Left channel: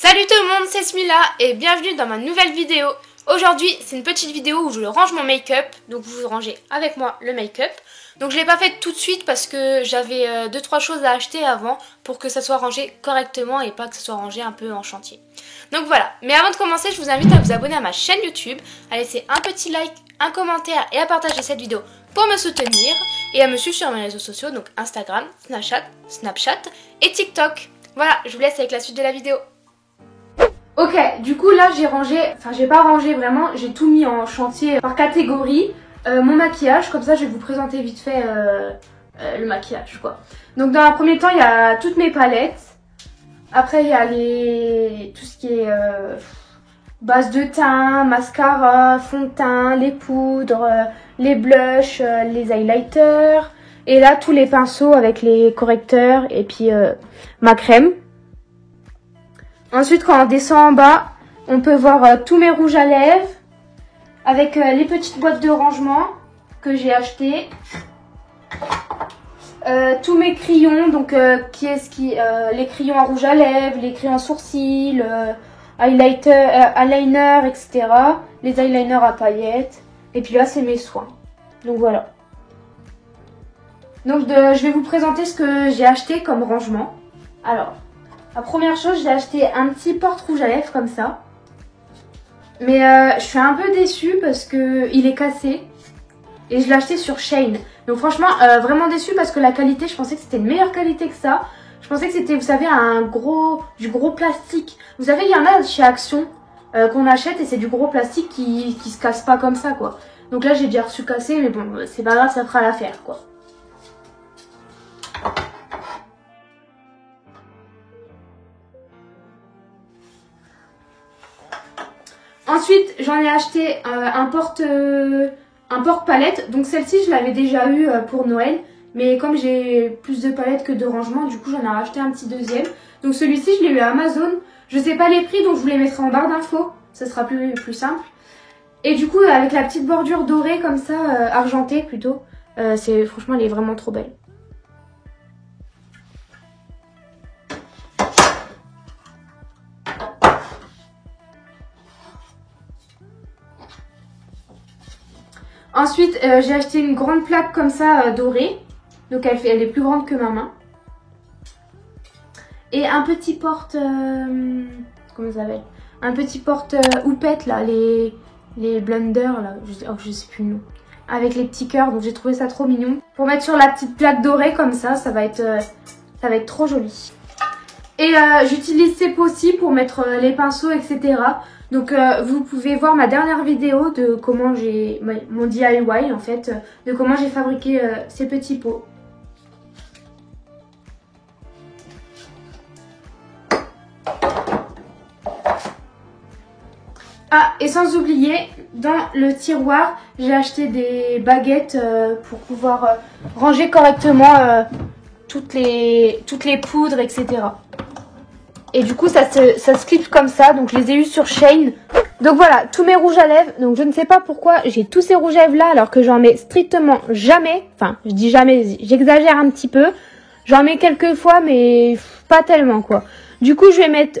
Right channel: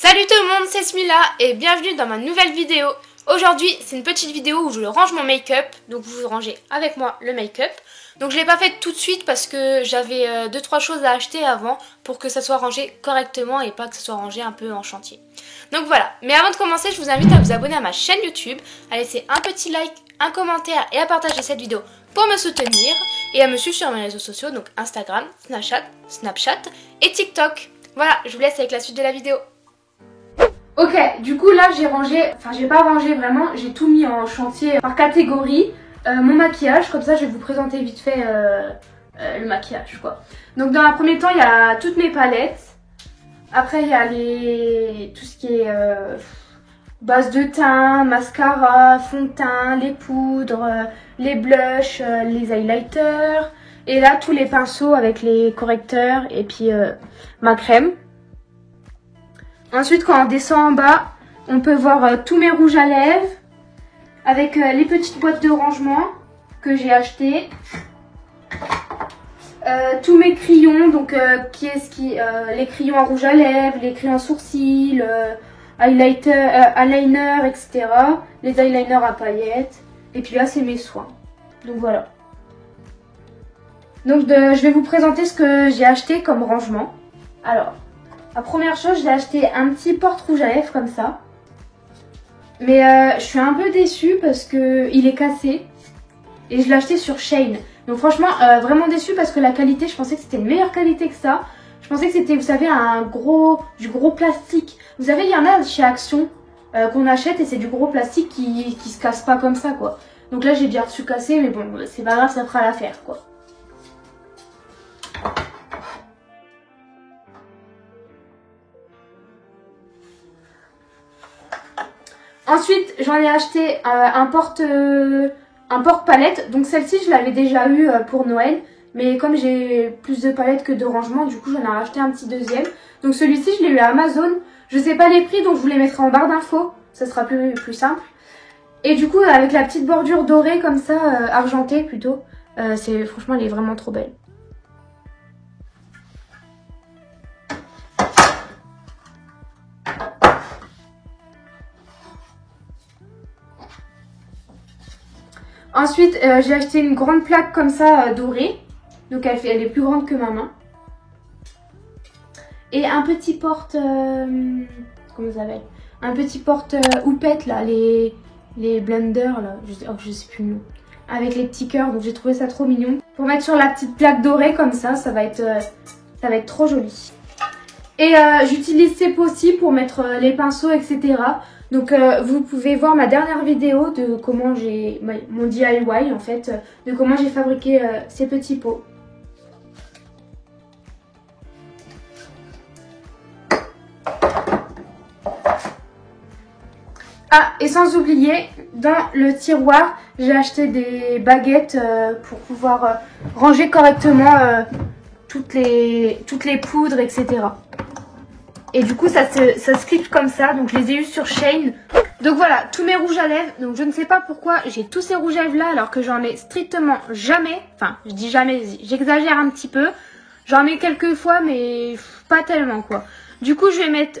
Salut tout le monde, c'est Smila et bienvenue dans ma nouvelle vidéo. Aujourd'hui, c'est une petite vidéo où je range mon make-up, donc vous rangez avec moi le make-up. Donc je l'ai pas fait tout de suite parce que j'avais 2-3 choses à acheter avant pour que ça soit rangé correctement et pas que ça soit rangé un peu en chantier. Donc voilà, mais avant de commencer, je vous invite à vous abonner à ma chaîne YouTube, à laisser un petit like, un commentaire et à partager cette vidéo pour me soutenir et à me suivre sur mes réseaux sociaux, donc Instagram, Snapchat et TikTok. Voilà, je vous laisse avec la suite de la vidéo. Ok, du coup là j'ai rangé, enfin j'ai pas rangé vraiment, j'ai tout mis en chantier par catégorie. Mon maquillage, comme ça je vais vous présenter vite fait le maquillage quoi. Donc dans un premier temps il y a toutes mes palettes. Après il y a tout ce qui est base de teint, mascara, fond de teint, les poudres, les blushs, les highlighters. Et là tous les pinceaux avec les correcteurs et puis ma crème. Ensuite, quand on descend en bas, on peut voir tous mes rouges à lèvres avec les petites boîtes de rangement que j'ai achetées. Tous mes crayons, donc les crayons à rouge à lèvres, les crayons à sourcils, eyeliner, etc. Les eyeliners à paillettes. Et puis là, c'est mes soins. Donc voilà. Donc je vais vous présenter ce que j'ai acheté comme rangement. Alors. La première chose, j'ai acheté un petit porte-rouge à lèvres comme ça. Mais je suis un peu déçue parce que il est cassé. Et je l'ai acheté sur Shein. Donc franchement, vraiment déçue parce que la qualité, je pensais que c'était une meilleure qualité que ça. Je pensais que c'était, vous savez, du gros plastique. Vous savez, il y en a chez Action qu'on achète et c'est du gros plastique qui se casse pas comme ça, quoi. Donc là, j'ai déjà reçu cassé, mais bon, c'est pas grave, ça fera l'affaire, quoi. Ensuite, j'en ai acheté un porte-palette. Donc celle-ci, je l'avais déjà eu pour Noël. Mais comme j'ai plus de palettes que de rangements, du coup, j'en ai racheté un petit deuxième. Donc celui-ci, je l'ai eu à Amazon. Je sais pas les prix, donc je vous les mettrai en barre d'infos. Ça sera plus simple. Et du coup, avec la petite bordure dorée comme ça, argentée plutôt. Franchement, elle est vraiment trop belle. Ensuite, j'ai acheté une grande plaque comme ça dorée. Donc elle est plus grande que ma main. Et un petit porte... comment ça s'appelle? Un petit porte houppette là, les blenders là, je sais plus le nom. Avec les petits cœurs, donc j'ai trouvé ça trop mignon. Pour mettre sur la petite plaque dorée comme ça va être trop joli. Et j'utilise ces pots-ci pour mettre les pinceaux, etc. Donc vous pouvez voir ma dernière vidéo de comment j'ai mon DIY en fait, de comment j'ai fabriqué ces petits pots. Ah, et sans oublier, dans le tiroir, j'ai acheté des baguettes pour pouvoir ranger correctement toutes les poudres, etc. Et du coup, ça se clip comme ça. Donc, je les ai eus sur Shein. Donc, voilà, tous mes rouges à lèvres. Donc, je ne sais pas pourquoi j'ai tous ces rouges à lèvres là alors que j'en mets strictement jamais. Enfin, je dis jamais, j'exagère un petit peu. J'en mets quelques fois, mais pas tellement, quoi. Du coup, je vais mettre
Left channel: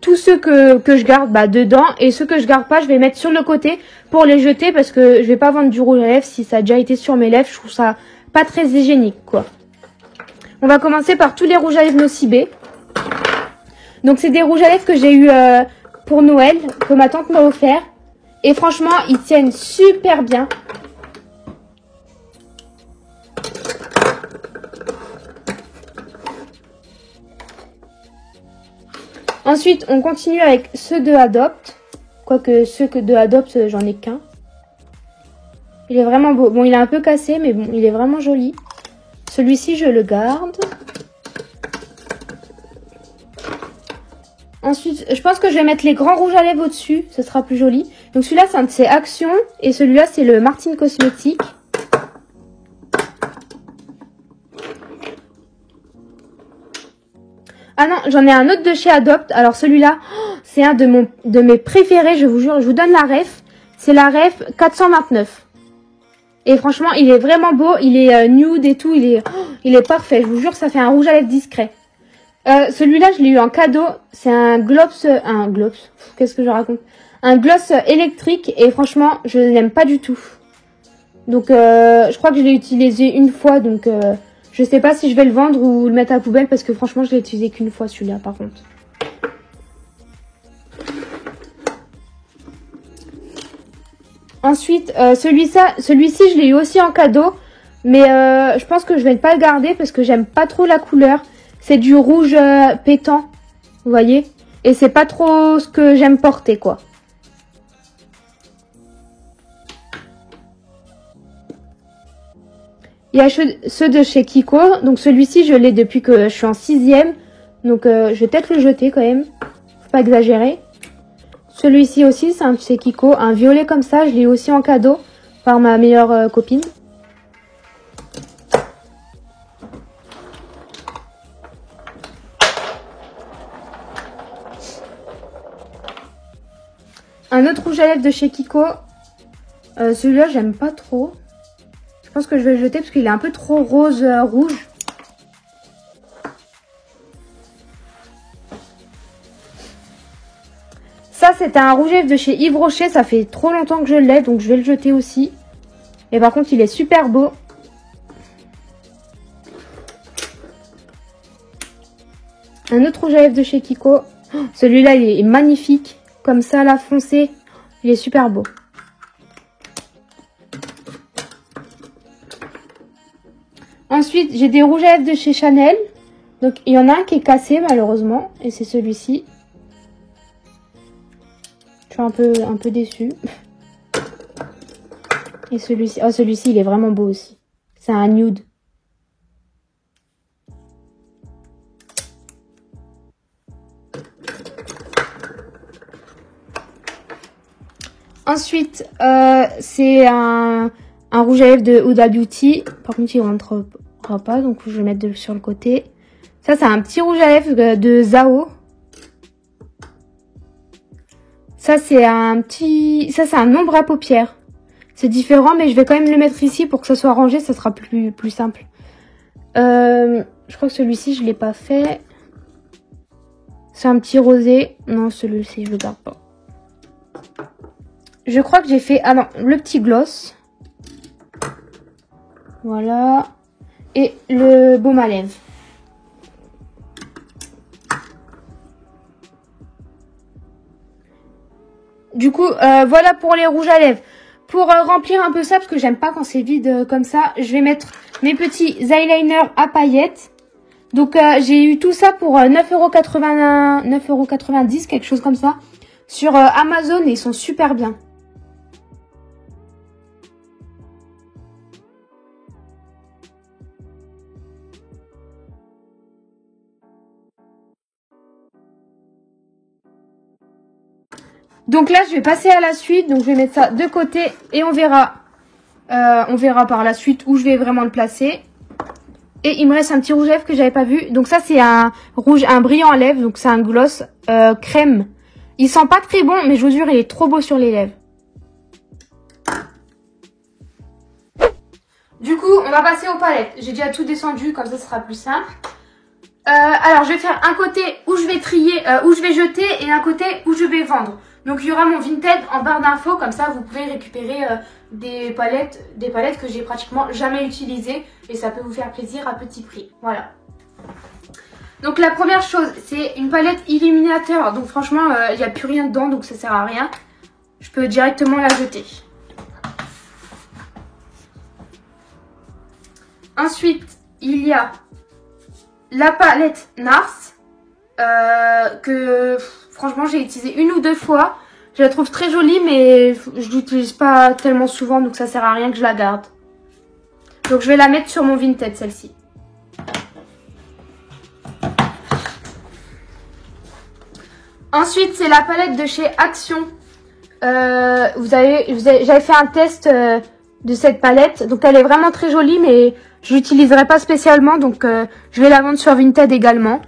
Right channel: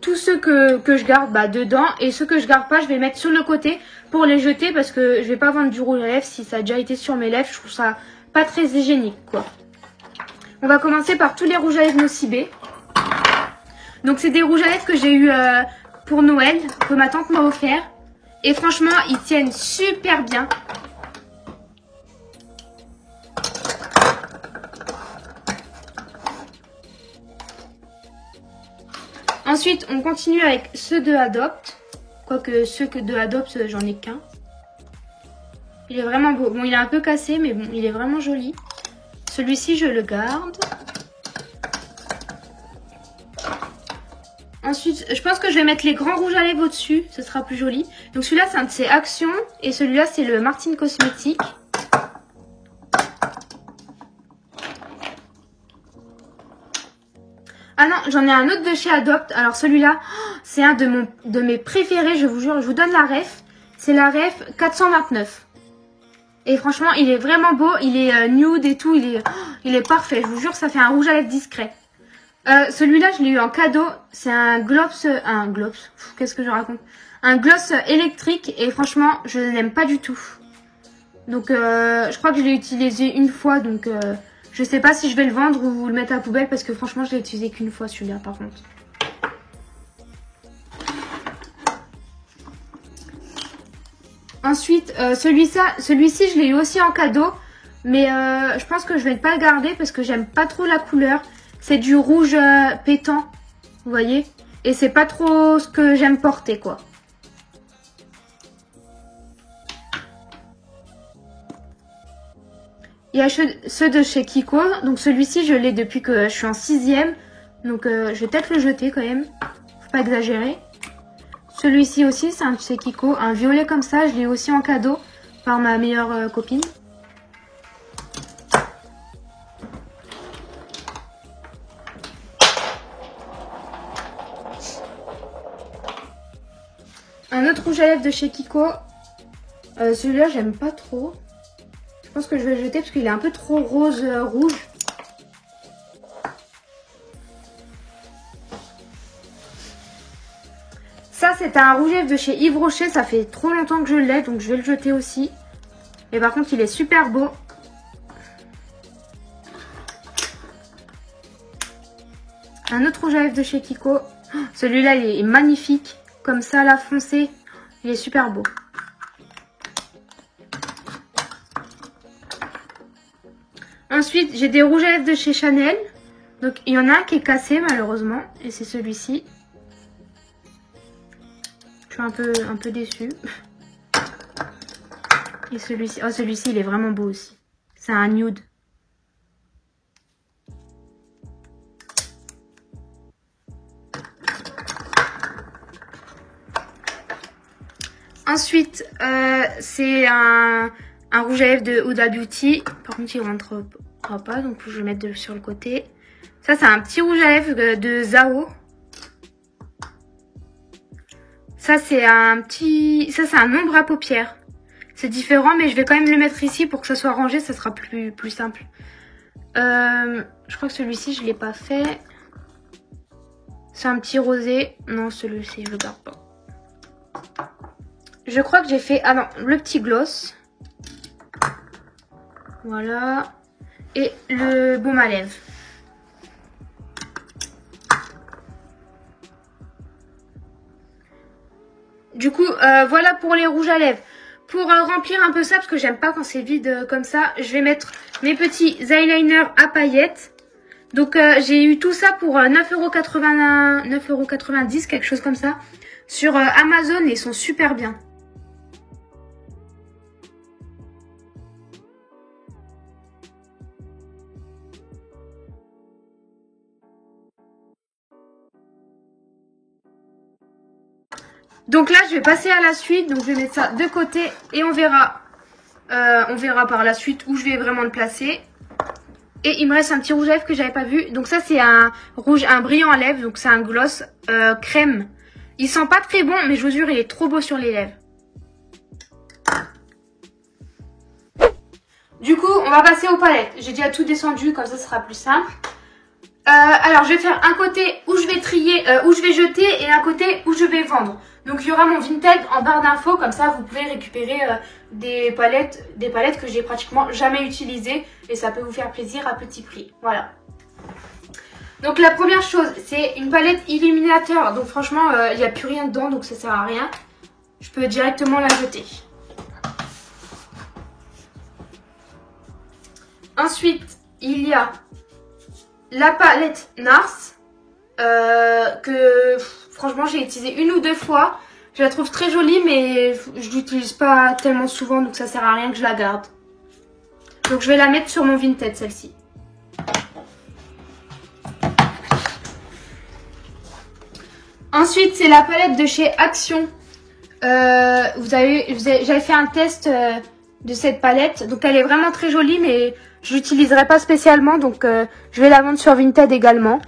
tous ceux que je garde dedans. Et ceux que je garde pas, je vais mettre sur le côté pour les jeter parce que je vais pas vendre du rouge à lèvres si ça a déjà été sur mes lèvres. Je trouve ça pas très hygiénique, quoi. On va commencer par tous les rouges à lèvres Nocibé. Donc c'est des rouges à lèvres que j'ai eu pour Noël, que ma tante m'a offert. Et franchement, ils tiennent super bien. Ensuite, on continue avec ceux de Adopt. Quoique ceux de Adopt, j'en ai qu'un. Il est vraiment beau. Bon, il est un peu cassé, mais bon, il est vraiment joli. Celui-ci, je le garde. Ensuite, je pense que je vais mettre les grands rouges à lèvres au-dessus. Ce sera plus joli. Donc celui-là, c'est un de ses Action. Et celui-là, c'est le Martin Cosmétique. Ah non, j'en ai un autre de chez Adopt. Alors celui-là, c'est un de mes préférés. Je vous jure, je vous donne la ref. C'est la ref 429. Et franchement, il est vraiment beau. Il est nude et tout. Il est parfait. Je vous jure, ça fait un rouge à lèvres discret. Celui-là, je l'ai eu en cadeau. C'est un gloss, qu'est-ce que je raconte? Un gloss électrique et franchement, je l'aime pas du tout. Donc, je crois que je l'ai utilisé une fois, donc je sais pas si je vais le vendre ou le mettre à la poubelle parce que franchement, je l'ai utilisé qu'une fois celui-là, par contre. Ensuite, celui-ci, je l'ai eu aussi en cadeau, mais je pense que je vais pas le garder parce que j'aime pas trop la couleur. C'est du rouge pétant, vous voyez, et c'est pas trop ce que j'aime porter, quoi. Il y a ceux de chez Kiko. Donc celui-ci, je l'ai depuis que je suis en 6e. Donc je vais peut-être le jeter quand même. Faut pas exagérer. Celui-ci aussi, c'est un de chez Kiko. Un violet comme ça, je l'ai aussi en cadeau par ma meilleure copine. Un autre rouge à lèvres de chez Kiko. Celui-là, j'aime pas trop. Je pense que je vais le jeter parce qu'il est un peu trop rose rouge. Ça, c'était un rouge à lèvres de chez Yves Rocher. Ça fait trop longtemps que je l'ai, donc je vais le jeter aussi. Et par contre, il est super beau. Un autre rouge à lèvres de chez Kiko. Oh, celui-là, il est magnifique. Comme ça, là, foncé. Il est super beau. Ensuite, j'ai des rouges à lèvres de chez Chanel. Donc, il y en a un qui est cassé, malheureusement. Et c'est celui-ci. Je suis un peu déçue. Et celui-ci, oh, celui-ci, il est vraiment beau aussi. C'est un nude. Ensuite, c'est un rouge à lèvres de Huda Beauty. Par contre, il rentre pas, donc je vais le mettre sur le côté. Ça, c'est un petit rouge à lèvres de Zao. Ça, c'est un ombre à paupières. C'est différent, mais je vais quand même le mettre ici pour que ça soit rangé, ça sera plus simple. Je crois que celui-ci, je l'ai pas fait. C'est un petit rosé. Non, celui-ci, je le garde pas. Je crois que j'ai fait... Ah non, le petit gloss. Voilà. Et le baume à lèvres. Du coup, voilà pour les rouges à lèvres. Pour remplir un peu ça, parce que j'aime pas quand c'est vide comme ça, je vais mettre mes petits eyeliners à paillettes. Donc, j'ai eu tout ça pour 9,90 €, quelque chose comme ça. Sur Amazon, et ils sont super bien. Donc là, je vais passer à la suite. Donc, je vais mettre ça de côté et on verra par la suite où je vais vraiment le placer. Et il me reste un petit rouge à lèvres que j'avais pas vu. Donc ça, c'est un brillant à lèvres. Donc c'est un gloss crème. Il sent pas très bon, mais je vous jure, il est trop beau sur les lèvres. Du coup, on va passer aux palettes. J'ai déjà tout descendu, comme ça, ce sera plus simple. Alors, je vais faire un côté où je vais trier, où je vais jeter, et un côté où je vais vendre. Donc, il y aura mon Vinted en barre d'infos, comme ça, vous pouvez récupérer des palettes que j'ai pratiquement jamais utilisées, et ça peut vous faire plaisir à petit prix. Voilà. Donc, la première chose, c'est une palette illuminateur. Donc, franchement, il n'y a plus rien dedans, donc ça sert à rien. Je peux directement la jeter. Ensuite, il y a la palette NARS que franchement j'ai utilisé une ou deux fois. Je la trouve très jolie, mais je l'utilise pas tellement souvent, donc ça sert à rien que je la garde. Donc je vais la mettre sur mon Vinted, celle-ci. Ensuite, c'est la palette de chez Action. J'avais fait un test de cette palette, donc elle est vraiment très jolie, mais je l'utiliserai pas spécialement, donc je vais la vendre sur Vinted également.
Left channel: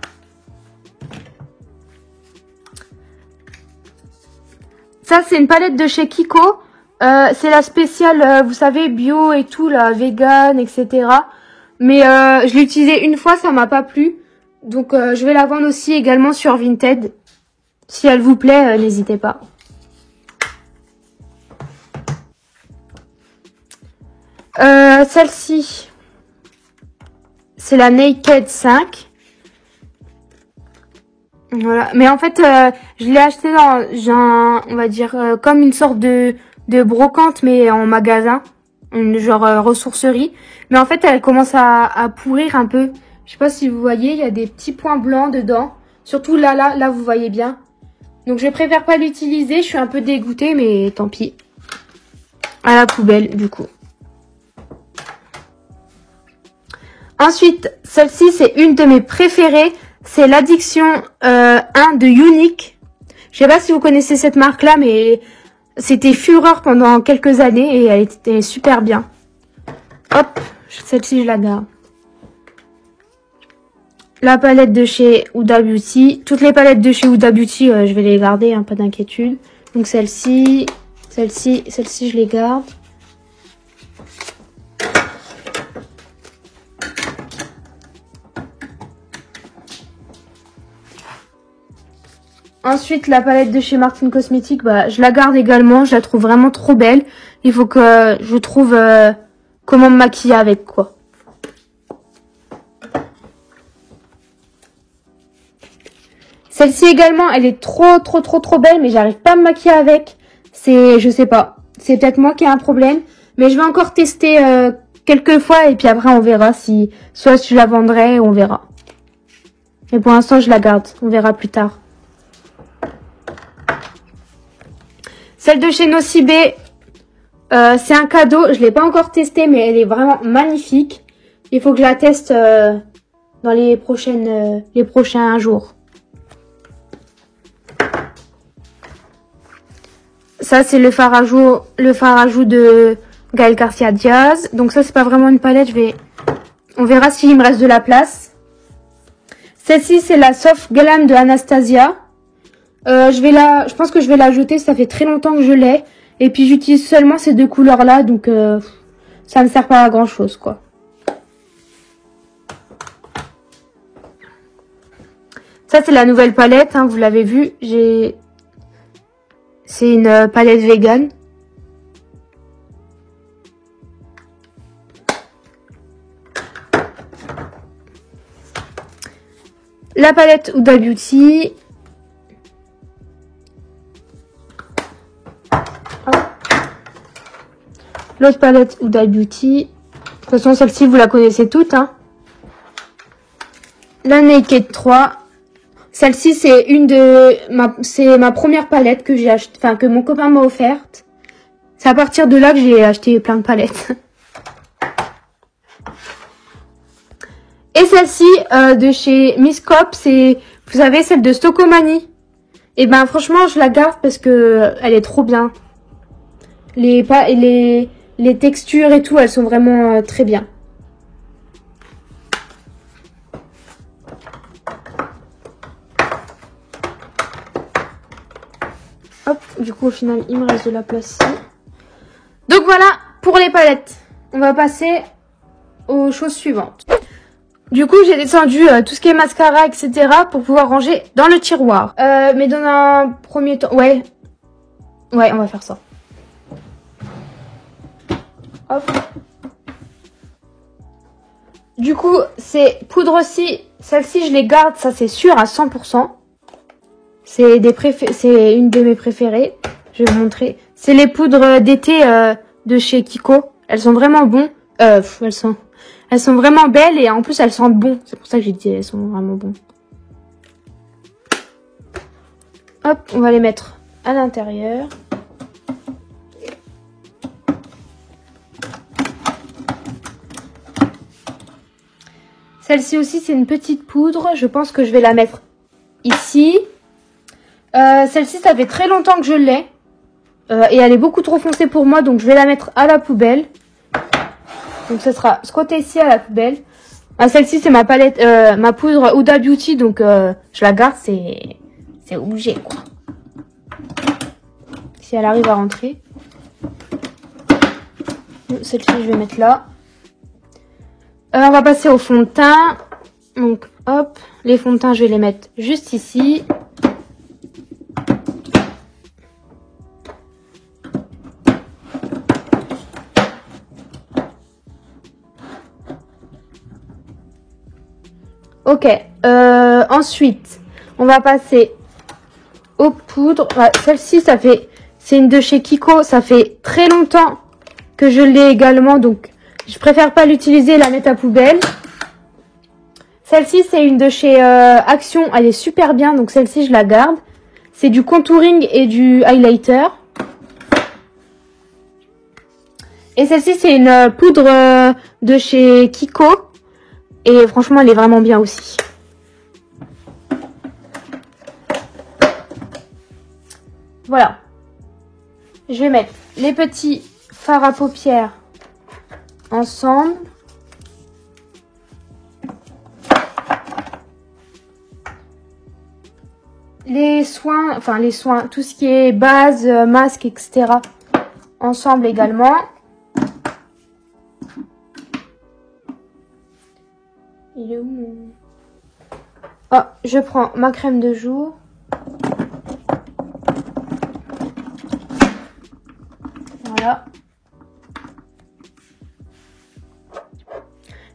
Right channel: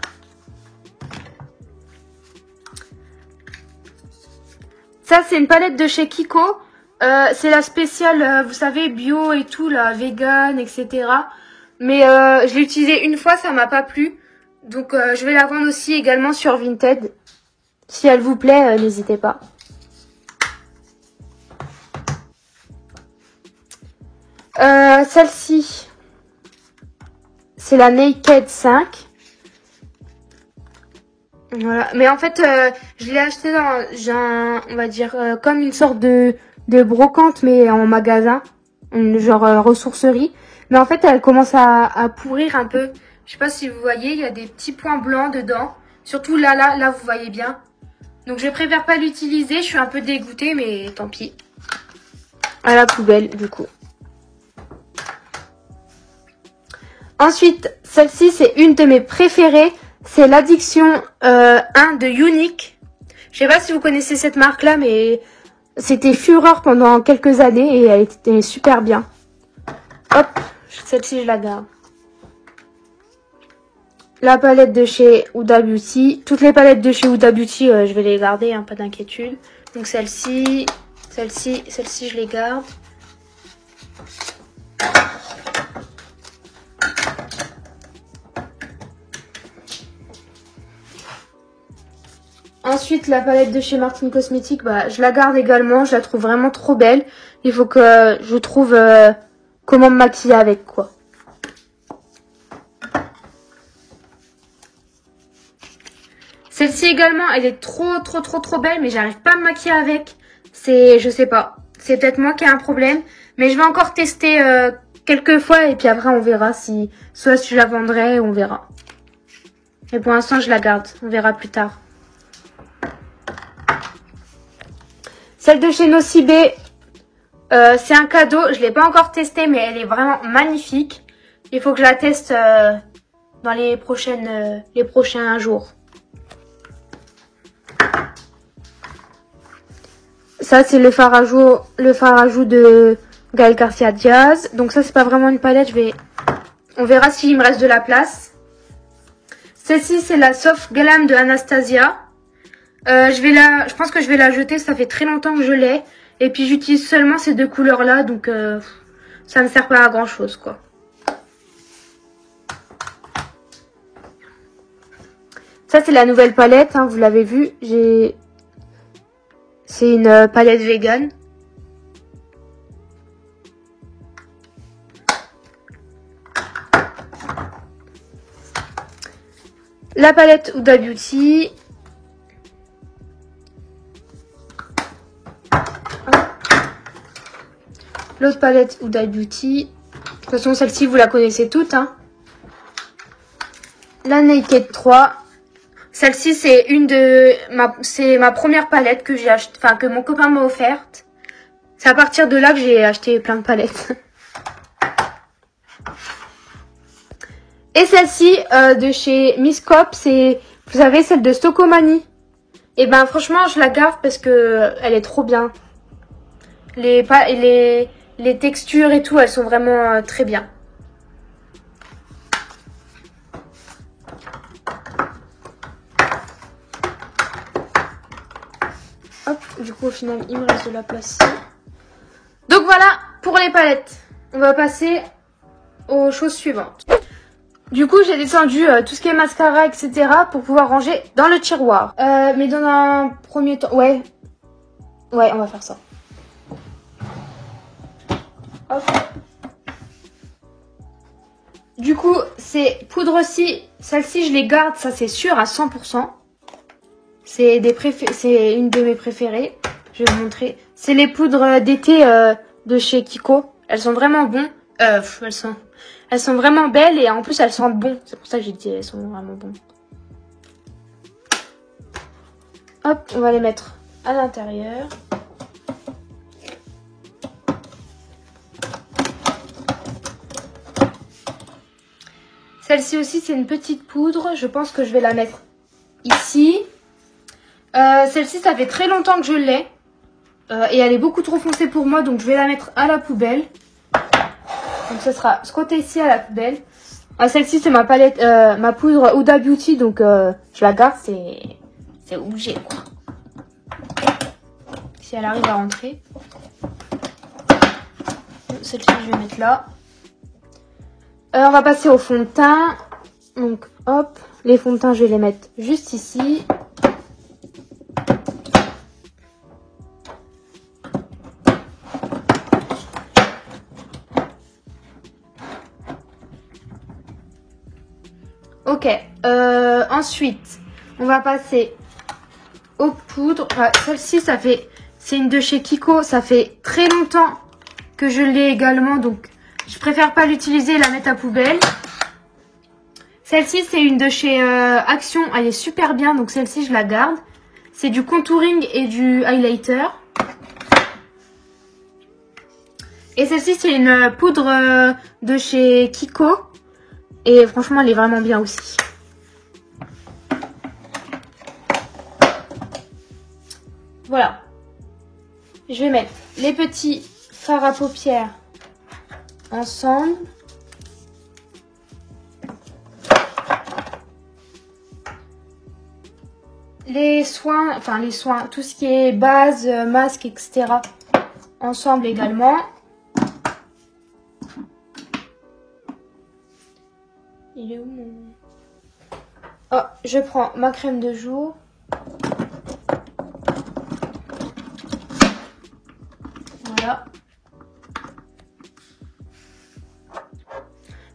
Ça, c'est une palette de chez Kiko. C'est la spéciale, vous savez, bio et tout, la vegan, etc. Mais je l'ai utilisée une fois, ça m'a pas plu. Donc je vais la vendre aussi également sur Vinted. Si elle vous plaît, n'hésitez pas. Celle-ci, c'est la Naked 5. Voilà. Mais en fait, je l'ai acheté dans, on va dire, comme une sorte de brocante, mais en magasin, genre ressourcerie. Mais en fait, elle commence à pourrir un peu. Je sais pas si vous voyez, il y a des petits points blancs dedans. Surtout là, vous voyez bien. Donc, je préfère pas l'utiliser. Je suis un peu dégoûtée, mais tant pis. À la poubelle, du coup. Ensuite, celle-ci, c'est une de mes préférées. C'est l'Addiction 1 de Unique. Je sais pas si vous connaissez cette marque-là, mais c'était fureur pendant quelques années et elle était super bien. Hop, celle-ci, je l'adore. La palette de chez Huda Beauty. Toutes les palettes de chez Huda Beauty, je vais les garder, hein, pas d'inquiétude. Donc celle-ci, je les garde. Ensuite, la palette de chez Martin Cosmetics, bah, je la garde également. Je la trouve vraiment trop belle. Il faut que je trouve comment me maquiller avec, quoi. Celle-ci également, elle est trop belle, mais j'arrive pas à me maquiller avec. Je sais pas. C'est peut-être moi qui ai un problème. Mais je vais encore tester quelques fois et puis après on verra si soit je la vendrai, on verra. Mais pour l'instant, je la garde. On verra plus tard. Celle de chez Nocibé, c'est un cadeau. Je ne l'ai pas encore testée, mais elle est vraiment magnifique. Il faut que je la teste dans les prochains jours. Ça, c'est le fard à jour de Gaël Garcia Diaz. Donc ça, c'est pas vraiment une palette. On verra s'il me reste de la place. Celle-ci, c'est la Soft Glam de Anastasia. Je pense que je vais la jeter, ça fait très longtemps que je l'ai. Et puis j'utilise seulement ces deux couleurs là, donc ça me sert pas à grand chose, quoi. Ça c'est la nouvelle palette, hein, vous l'avez vu. C'est une palette vegan. La palette Huda Beauty. L'autre palette Huda Beauty. De toute façon, celle-ci, vous la connaissez toutes. Hein. La Naked 3. Celle-ci, c'est ma première palette que j'ai acheté, enfin, que mon copain m'a offerte. C'est à partir de là que j'ai acheté plein de palettes. Et celle-ci, de chez Miss Cop, c'est, vous savez, celle de Stockomanie. Et ben, franchement, je la garde parce que elle est trop bien. Les textures et tout, elles sont vraiment très bien. Hop, du coup, au final, il me reste de la place ici. Donc voilà, pour les palettes. On va passer aux choses suivantes. Du coup, j'ai descendu tout ce qui est mascara, etc. pour pouvoir ranger dans le tiroir. Mais dans un premier temps... Ouais, on va faire ça. Hop. Du coup, ces poudres-ci, celle-ci, je les garde, ça c'est sûr, à 100%. C'est une de mes préférées. Je vais vous montrer. C'est les poudres d'été de chez Kiko. Elles sont vraiment bonnes. Elles sont vraiment belles et en plus elles sentent bon. C'est pour ça que j'ai dit elles sont vraiment bonnes. Hop, on va les mettre à l'intérieur. Celle-ci aussi, c'est une petite poudre. Je pense que je vais la mettre ici. Celle-ci, ça fait très longtemps que je l'ai. Et elle est beaucoup trop foncée pour moi. Donc, je vais la mettre à la poubelle. Donc, ce sera ce côté-ci à la poubelle. Ah, celle-ci, c'est ma palette, ma poudre Huda Beauty. Donc, je la garde. C'est obligé, quoi. Si elle arrive à rentrer. Celle-ci, je vais mettre là. On va passer au fond de teint. Donc, Hop, les fonds de teint, je vais les mettre juste ici. Ok, ensuite, on va passer aux poudres. Ouais, celle-ci, c'est une de chez Kiko. Ça fait très longtemps que je l'ai également, donc je préfère pas l'utiliser, la mettre à poubelle. Celle-ci, c'est une de chez Action. Elle est super bien, donc celle-ci, je la garde. C'est du contouring et du highlighter. Et celle-ci, c'est une poudre de chez Kiko. Et franchement, elle est vraiment bien aussi. Voilà. Je vais mettre les petits fards à paupières ensemble. Les soins, tout ce qui est base, masque, etc. ensemble également. Il est où mon... Oh, je prends ma crème de jour. Voilà.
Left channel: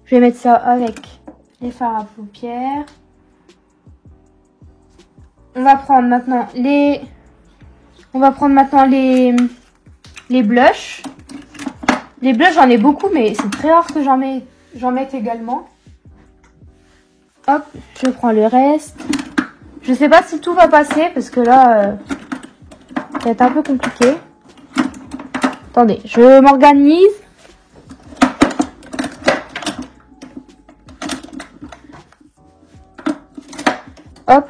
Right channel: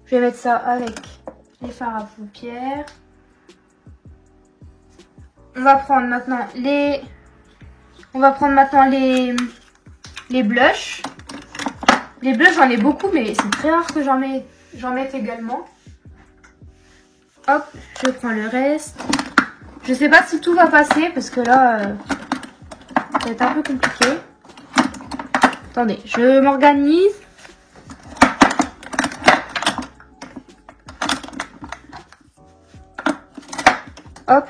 Je vais mettre ça avec les fards à paupières. On va prendre maintenant les blushs. Les blushs, j'en ai beaucoup, mais c'est très rare que j'en mette également. Hop, je prends le reste. Je sais pas si tout va passer parce que là, ça va être un peu compliqué. Attendez, je m'organise. Hop.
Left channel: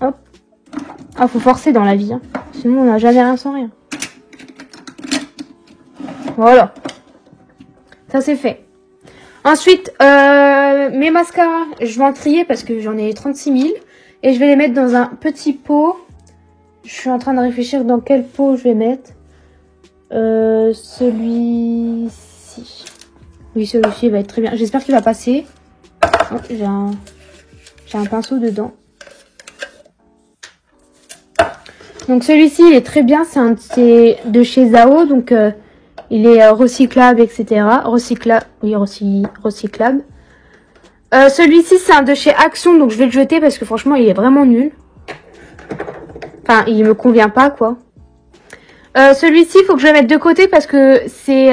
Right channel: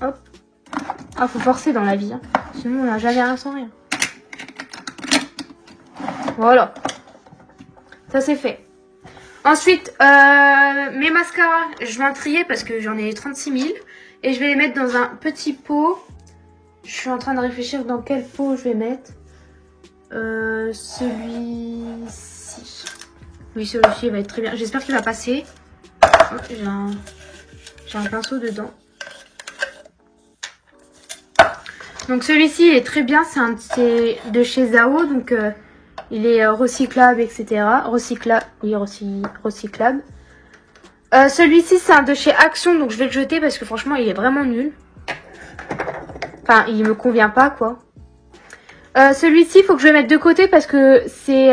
Hop. Ah, faut forcer dans la vie. Hein. Sinon, on n'a jamais rien sans rien. Voilà. Ça, c'est fait. Ensuite, mes mascaras, je vais en trier parce que j'en ai 36 000. Et je vais les mettre dans un petit pot. Je suis en train de réfléchir dans quel pot je vais mettre. Celui-ci. Oui, celui-ci va être très bien. J'espère qu'il va passer. Oh, j'ai un pinceau dedans. Donc celui-ci, il est très bien. C'est de chez Zao. Donc il est recyclable, etc. Recyclable. Oui, recyclable. Celui-ci, c'est un de chez Action. Donc je vais le jeter parce que franchement, il est vraiment nul. Enfin, il me convient pas, quoi. Celui-ci, il faut que je le mette de côté parce que c'est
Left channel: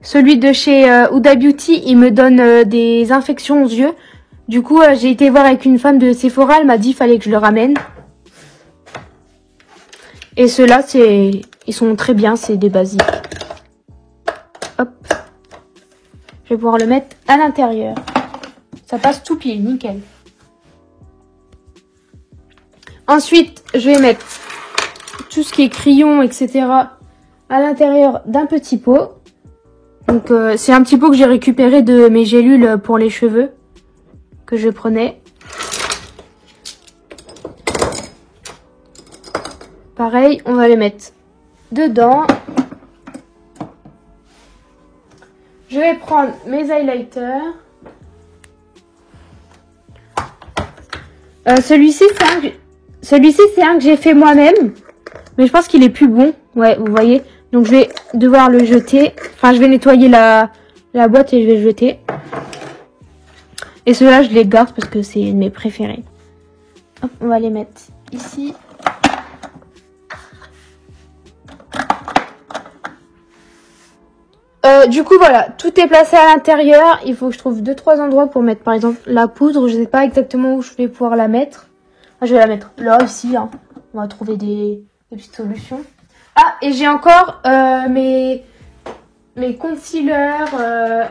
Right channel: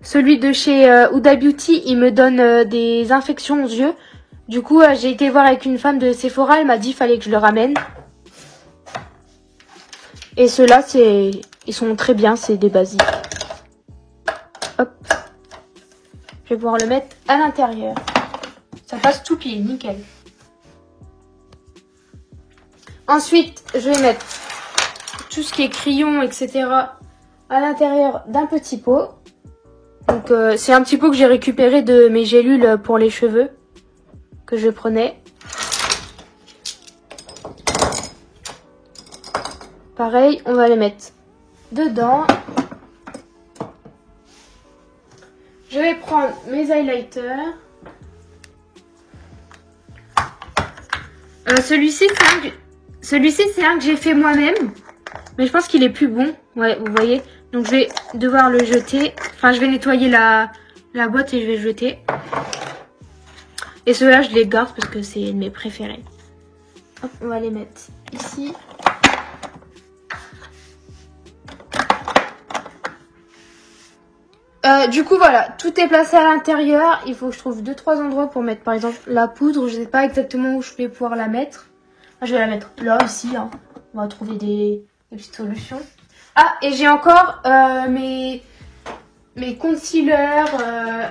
celui de chez Huda Beauty. Il me donne des infections aux yeux. Du coup, j'ai été voir avec une femme de Sephora. Elle m'a dit qu'il fallait que je le ramène. Et ceux-là, ils sont très bien. C'est des basiques. Hop. Je vais pouvoir les mettre à l'intérieur. Ça passe tout pied, nickel. Ensuite, je vais mettre tout ce qui est crayon, etc. à l'intérieur d'un petit pot. Donc, c'est un petit pot que j'ai récupéré de mes gélules pour les cheveux que je prenais. Pareil, on va les mettre dedans. Je vais prendre mes highlighters. Celui-ci, c'est un que j'ai fait moi-même. Mais je pense qu'il est plus bon. Ouais, vous voyez. Donc, je vais devoir le jeter. Enfin, je vais nettoyer la boîte et je vais le jeter. Et ceux-là, je les garde parce que c'est mes préférés. Hop, on va les mettre ici. Du coup, voilà. Tout est placé à l'intérieur. Il faut que je trouve 2-3 endroits pour mettre, par exemple, la poudre. Je ne sais pas exactement où je vais pouvoir la mettre. Je vais la mettre là aussi. Hein. On va trouver des petites solutions. Ah, et j'ai encore mes concealers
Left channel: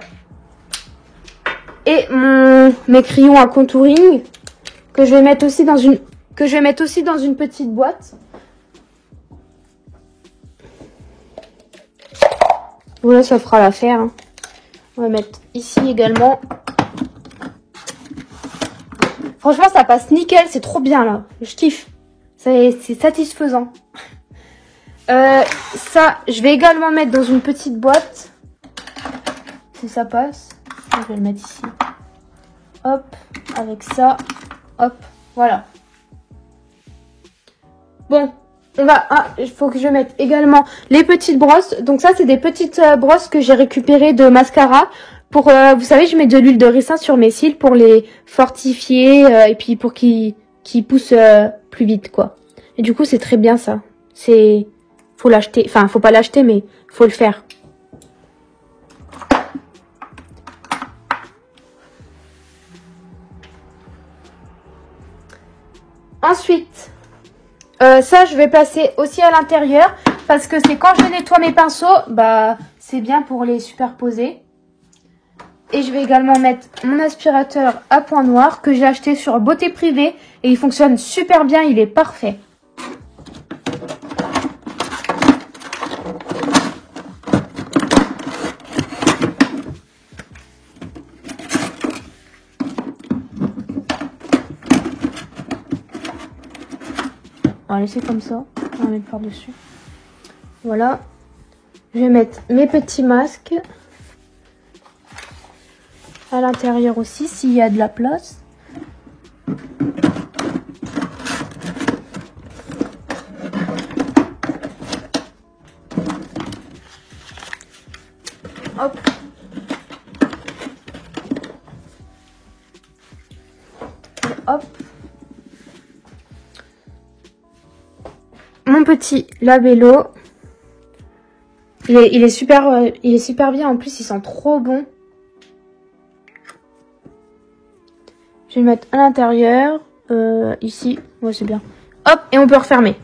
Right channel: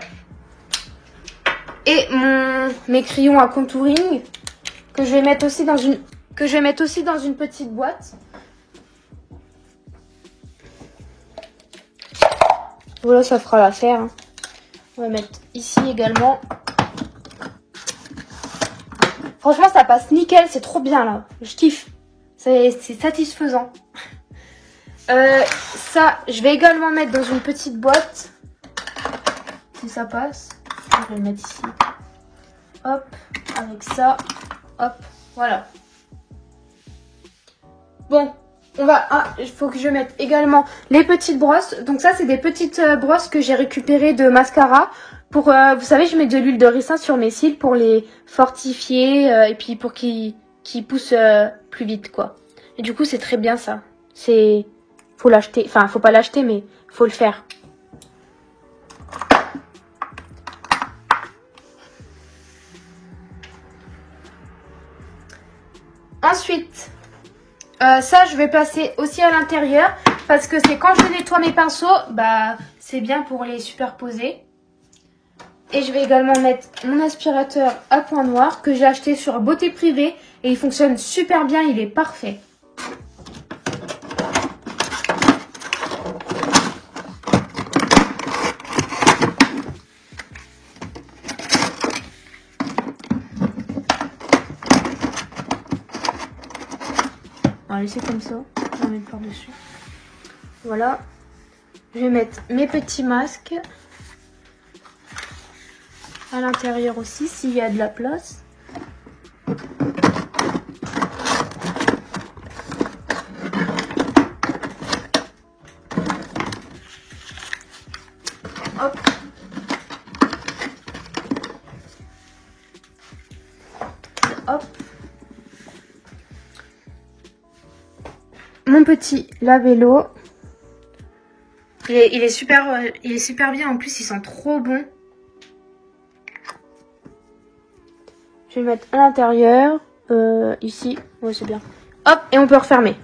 et mes crayons à contouring que je vais mettre aussi dans une petite boîte. Voilà, ça fera l'affaire. Hein. On va mettre ici également. Franchement, ça passe nickel, c'est trop bien là. Je kiffe. C'est satisfaisant. Ça, je vais également mettre dans une petite boîte. Si ça passe. Je vais le mettre ici. Hop, avec ça. Hop, voilà. Bon, on va... Ah, il faut que je mette également les petites brosses. Donc ça, c'est des petites brosses que j'ai récupérées de mascara. Pour, vous savez, je mets de l'huile de ricin sur mes cils pour les fortifier et puis pour qu'ils poussent plus vite, quoi. Et du coup, c'est très bien ça. Faut l'acheter. Enfin, faut pas l'acheter, mais faut le faire. Ensuite, ça je vais passer aussi à l'intérieur parce que c'est quand je nettoie mes pinceaux, bah c'est bien pour les superposer. Et je vais également mettre mon aspirateur à point noir que j'ai acheté sur Beauté Privée et il fonctionne super bien, il est parfait. On va laisser comme ça, on va mettre par-dessus. Voilà. Je vais mettre mes petits masques. À l'intérieur aussi, s'il y a de la place. Hop. Hop. Mon petit labello. Il est super bien. En plus, il sent trop bon. Je vais le mettre à l'intérieur. Ici. Ouais, c'est bien. Hop, et on peut refermer.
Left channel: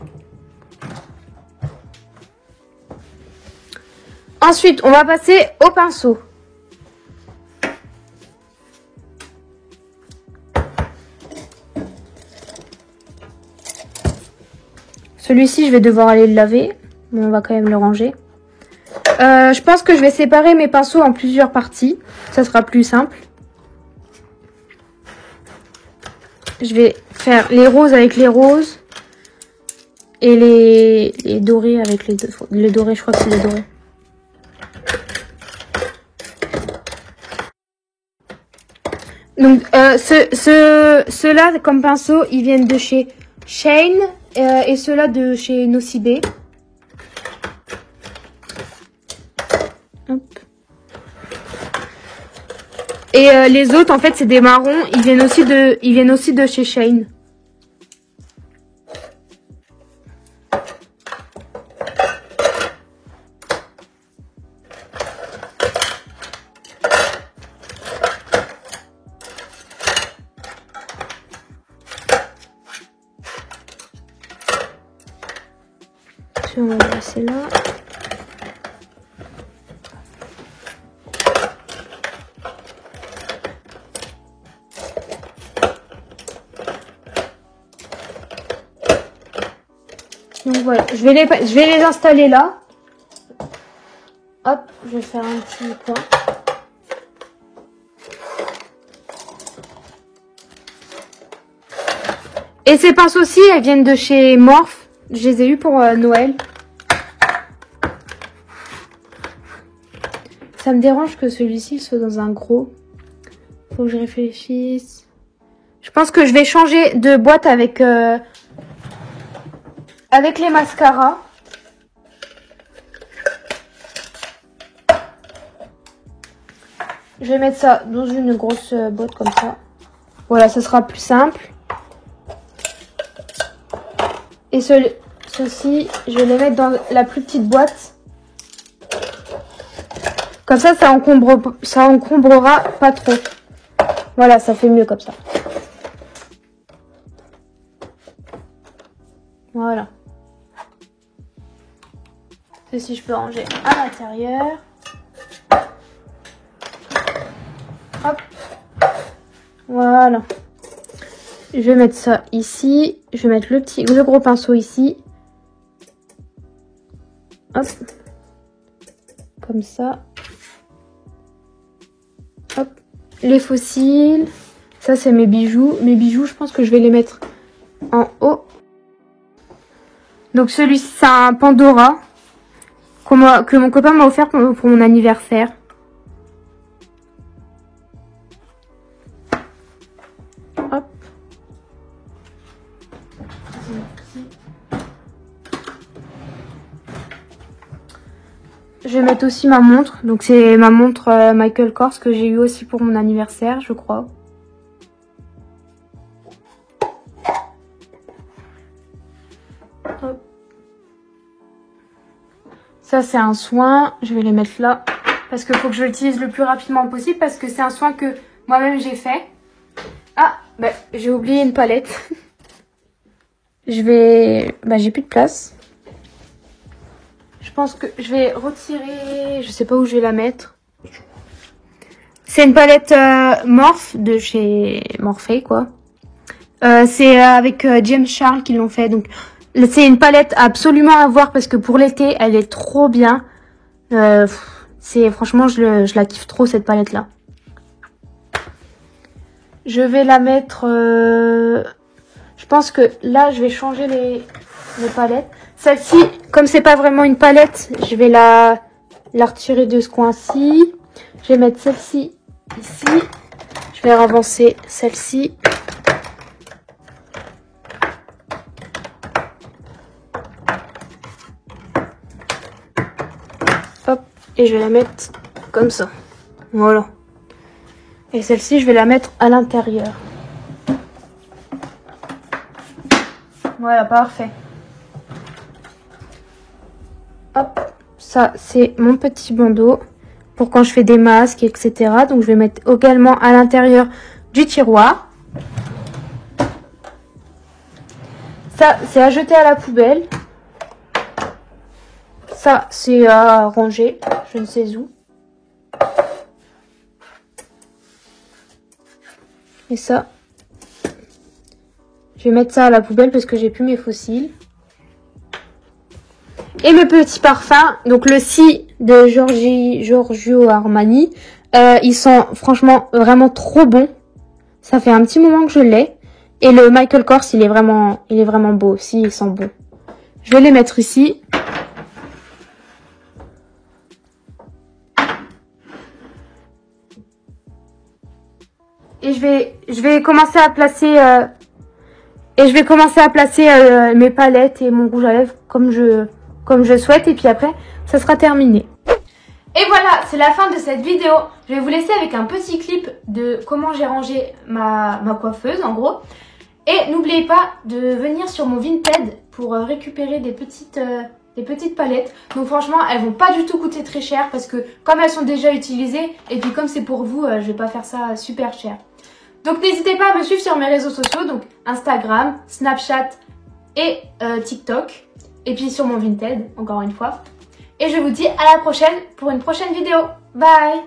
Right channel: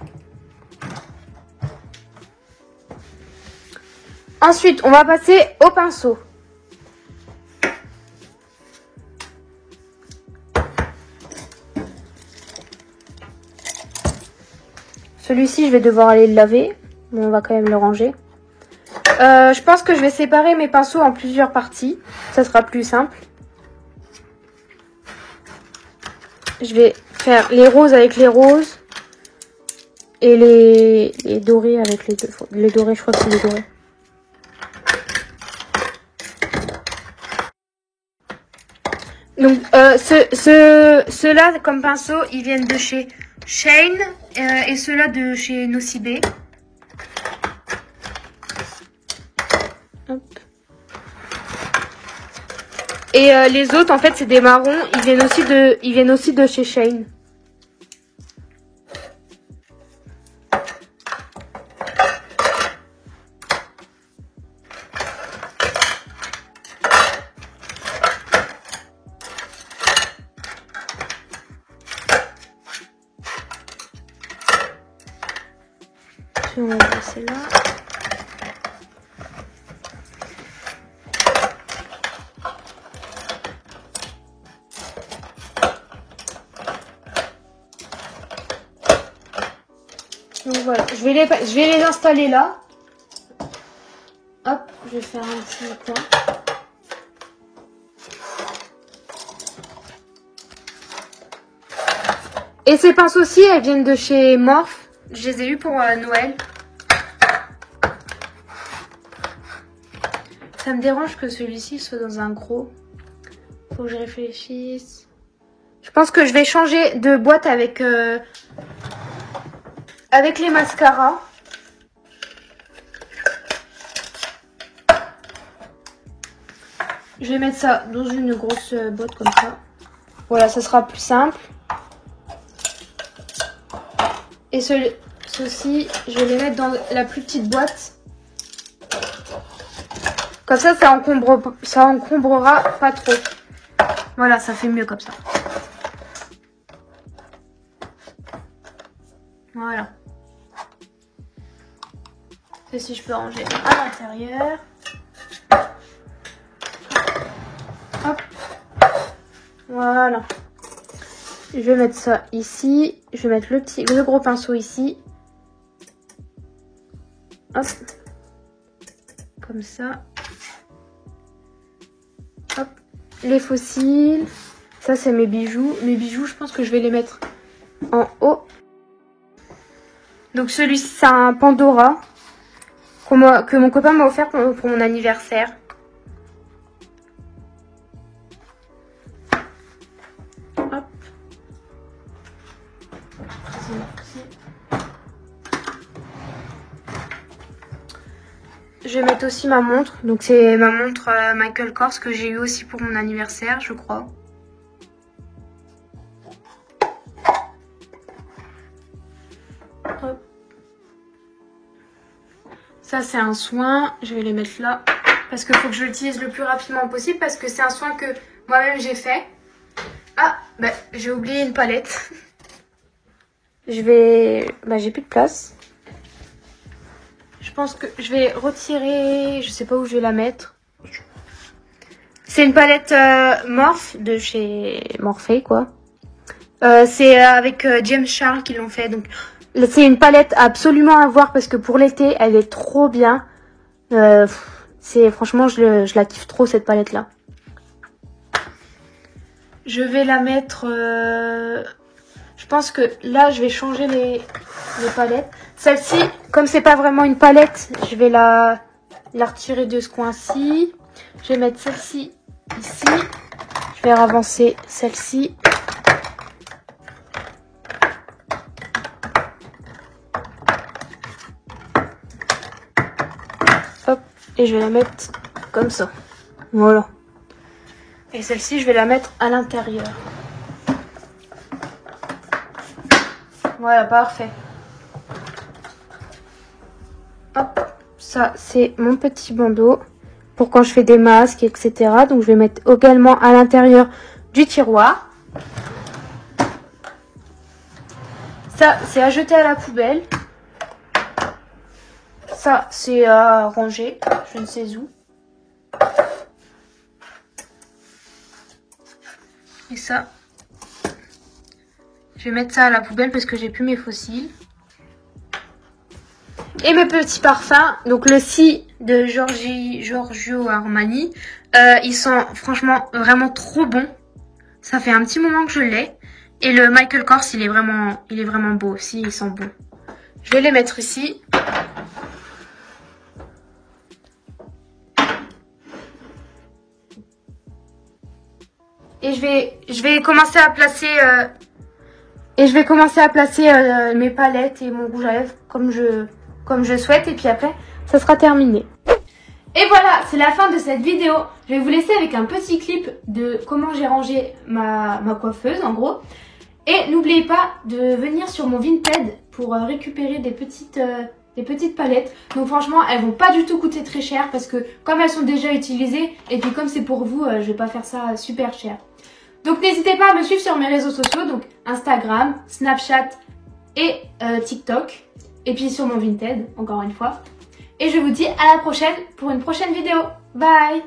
Ensuite, on va passer au pinceau. Celui-ci, je vais devoir aller le laver. Mais on va quand même le ranger. Je pense que je vais séparer mes pinceaux en plusieurs parties. Ça sera plus simple. Je vais faire les roses avec les roses. Et les dorés avec les deux. Les dorés, je crois que c'est bon. Donc, ceux-là, comme pinceau, ils viennent de chez Shane et ceux-là de chez Nocibé. Et les autres, en fait, c'est des marrons. Ils viennent aussi de chez Shane. Je vais le passer là. Voilà, je vais les installer là. Hop, je vais faire un petit point. Et ces pinces aussi, elles viennent de chez Morph. Je les ai eues pour Noël. Ça me dérange que celui-ci soit dans un gros. Faut que je réfléchisse. Je pense que je vais changer de boîte avec les mascaras. Je vais mettre ça dans une grosse boîte comme ça. Voilà, ce sera plus simple. Et ceux-ci, je vais les mettre dans la plus petite boîte. Comme ça, ça encombrera pas trop. Voilà, ça fait mieux comme ça. Voilà. Ceci, je peux ranger à l'intérieur. Hop. Voilà. Je vais mettre ça ici. Je vais mettre le gros pinceau ici. Hop. Comme ça. Hop. Les fossiles. Ça, c'est mes bijoux. Mes bijoux, je pense que je vais les mettre en haut. Donc celui-ci, c'est un Pandora que mon copain m'a offert pour mon anniversaire. Je vais mettre aussi ma montre. Donc c'est ma montre Michael Kors que j'ai eu aussi pour mon anniversaire, je crois. Hop. Ça c'est un soin. Je vais les mettre là. Parce qu'il faut que je l'utilise le plus rapidement possible. Parce que c'est un soin que moi-même j'ai fait. Ah, bah, j'ai oublié une palette. J'ai plus de place. Je pense que je vais retirer, je sais pas où je vais la mettre. C'est une palette Morphe de chez Morphe quoi. C'est avec James Charles qui l'ont fait. Donc c'est une palette absolument à voir parce que pour l'été elle est trop bien. Franchement je la kiffe trop cette palette là. Je vais la mettre. Je pense que là je vais changer les palettes. Celle-ci, comme c'est pas vraiment une palette, je vais la retirer de ce coin-ci. Je vais mettre celle-ci ici. Je vais avancer celle-ci. Hop, et je vais la mettre comme ça. Voilà. Et celle-ci, je vais la mettre à l'intérieur. Voilà, parfait. Hop, ça c'est mon petit bandeau pour quand je fais des masques, etc. Donc je vais mettre également à l'intérieur du tiroir. Ça c'est à jeter à la poubelle. Ça c'est à ranger, je ne sais où. Et ça, je vais mettre ça à la poubelle parce que j'ai plus mes fossiles. Et mes petits parfums, donc le Si de Giorgio Armani, ils sont franchement vraiment trop bons. Ça fait un petit moment que je l'ai. Et le Michael Kors, il est vraiment beau aussi, il sent bon. Je vais les mettre ici. Et je vais commencer à placer mes palettes et mon rouge à lèvres comme je souhaite, et puis après ça sera terminé. Et voilà, c'est la fin de cette vidéo. Je vais vous laisser avec un petit clip de comment j'ai rangé ma coiffeuse en gros. Et n'oubliez pas de venir sur mon Vinted pour récupérer des petites palettes. Donc franchement, elles vont pas du tout coûter très cher parce que comme elles sont déjà utilisées, et puis comme c'est pour vous, je vais pas faire ça super cher. Donc n'hésitez pas à me suivre sur mes réseaux sociaux, donc Instagram, Snapchat et TikTok. Et puis sur mon Vinted, encore une fois. Et je vous dis à la prochaine pour une prochaine vidéo. Bye!